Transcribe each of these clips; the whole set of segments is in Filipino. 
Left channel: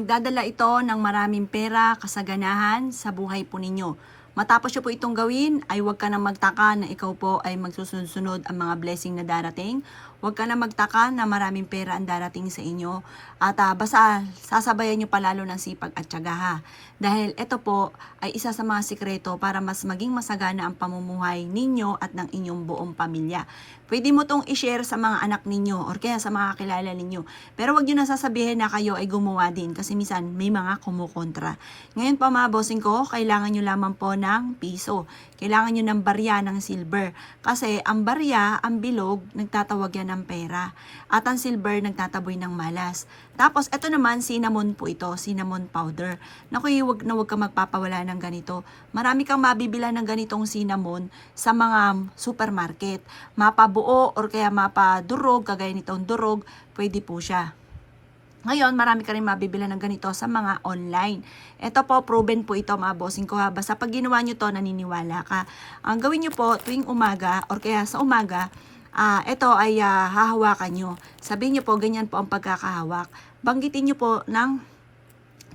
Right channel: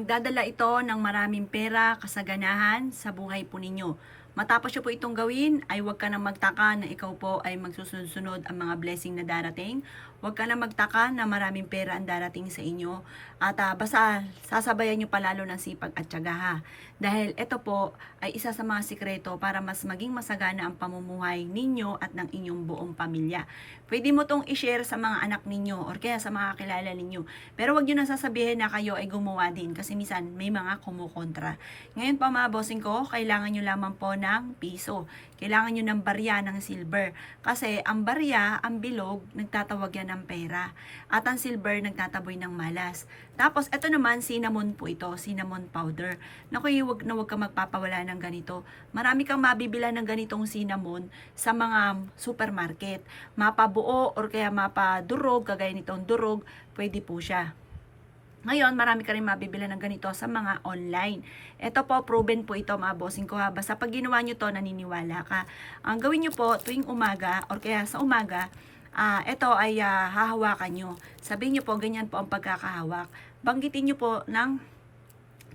Magdadala ito ng maraming pera, kasaganahan sa buhay po ninyo. Matapos nyo po itong gawin, ay huwag ka na magtaka na ikaw po ay magsusunod-sunod ang mga blessing na darating. Huwag ka na magtaka na maraming pera ang darating sa inyo. At basta sasabayan nyo palalo ng sipag at tiyaga ha. Dahil ito po ay isa sa mga sikreto para mas maging masagana ang pamumuhay ninyo at ng inyong buong pamilya. Pwede mo itong i-share sa mga anak ninyo or kaya sa mga kilala ninyo. Pero wag nyo na sasabihin na kayo ay gumawa din kasi minsan may mga kumukontra. Ngayon po mga bossing ko, kailangan nyo lamang po ng piso. Kailangan nyo ng barya ng silver. Kasi ang barya, ang bilog, nagtatawag yan ng pera. At ang silver, nagtataboy ng malas. Tapos, ito naman, cinnamon po ito, cinnamon powder. Naku, wag na wag ka magpapawala ng ganito. Marami kang mabibila ng ganitong cinnamon sa mga supermarket. Mapabuo or kaya mapadurog, kagaya nitong durog, pwede po siya. Ngayon, marami ka rin mabibila ng ganito sa mga online. Ito po, proven po ito mga bossing ko ha. Basta pag ginawa nyo to, naniniwala ka. Ang gawin nyo po tuwing umaga or kaya sa umaga, ito ay hahawakan nyo. Sabihin nyo po, ganyan po ang pagkakahawak. Banggitin nyo po ng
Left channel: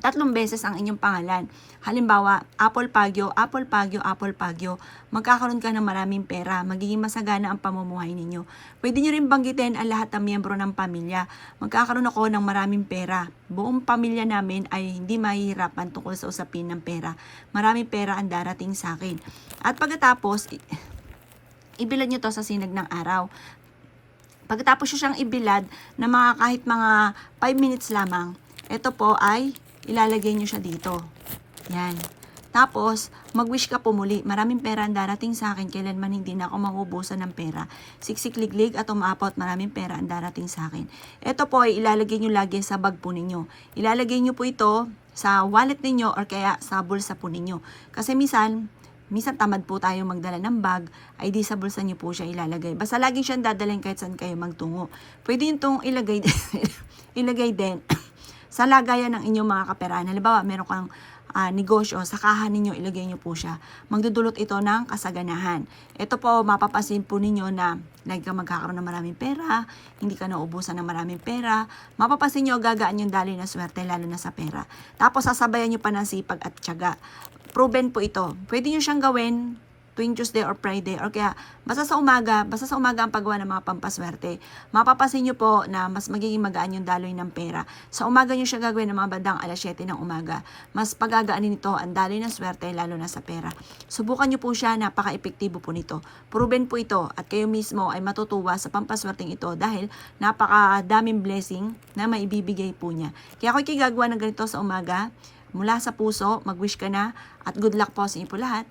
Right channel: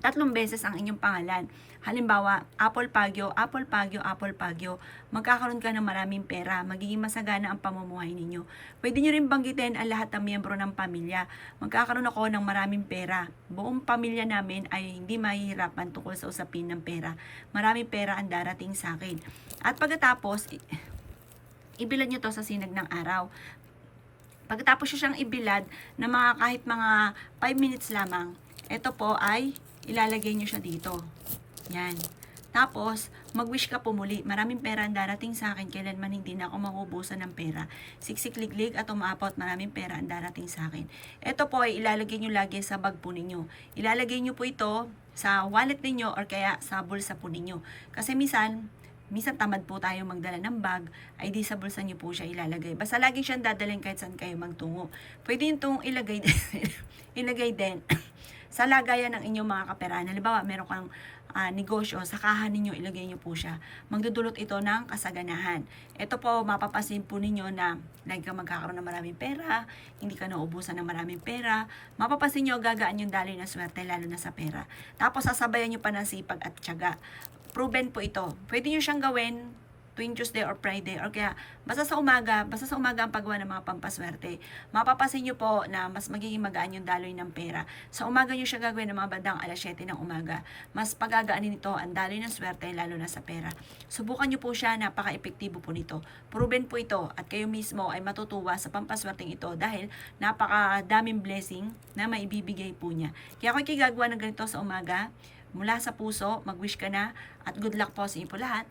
3 beses ang inyong pangalan. Halimbawa, Apple Pagyo, Apple Pagyo, Apple Pagyo. Magkakaroon ka ng maraming pera. Magiging masagana ang pamumuhay ninyo. Pwede nyo rin banggitin ang lahat ng miyembro ng pamilya. Magkakaroon ako ng maraming pera. Buong pamilya namin ay hindi mahihirapan tungkol sa usapin ng pera. Maraming pera ang darating sa akin. At pagkatapos, ibilad nyo to sa sinag ng araw. Pagkatapos nyo siyang ibilad na kahit mga 5 minutes lamang, ito po ay ilalagay nyo siya dito. Yan. Tapos, mag-wish ka po muli. Maraming pera ang darating sa akin. Kailanman hindi na ako mauubusan ng pera. Siksik-liglig at umapot. Maraming pera ang darating sa akin. Ito po ay ilalagay nyo lagi sa bag po ninyo. Ilalagay nyo po ito sa wallet ninyo or kaya sa bulsa po ninyo. Kasi minsan tamad po tayo magdala ng bag, ay di sa bulsa nyo po siya ilalagay. Basta lagi siyang dadalhin kahit saan kayo magtungo. Pwede yung itong ilagay din sa lagayan ng inyong mga kaperahan. Halimbawa, meron kang negosyo, sa kahan ninyo, ilagay nyo po siya. Magdudulot ito ng kasaganahan. Ito po, mapapansin po ninyo na lagi ka magkakaroon ng maraming pera, hindi ka nauubusan ng maraming pera. Mapapansin nyo, gagaan yung daloy ng swerte, lalo na sa pera. Tapos, sasabayan nyo pa ng sipag at tiyaga. Proven po ito. Pwede nyo siyang gawin tuwing Tuesday or Friday or kaya basta sa umaga ang paggawa ng mga pampaswerte. Mapapansin nyo po na mas magiging magaan yung daloy ng pera. Sa umaga nyo siya gagawin ng mga bandang 7:00 ng umaga. Mas pagagaanin nito ang daloy ng swerte lalo na sa pera. Subukan nyo po siya, napaka-epektibo po nito. Proven po ito at kayo mismo ay matutuwa sa pampaswerteng ito dahil napakadaming blessing na maibibigay po niya. Kaya ako ikigagawa ng ganito sa umaga. Mula sa puso, mag-wish ka na at good luck po sa inyo po lahat.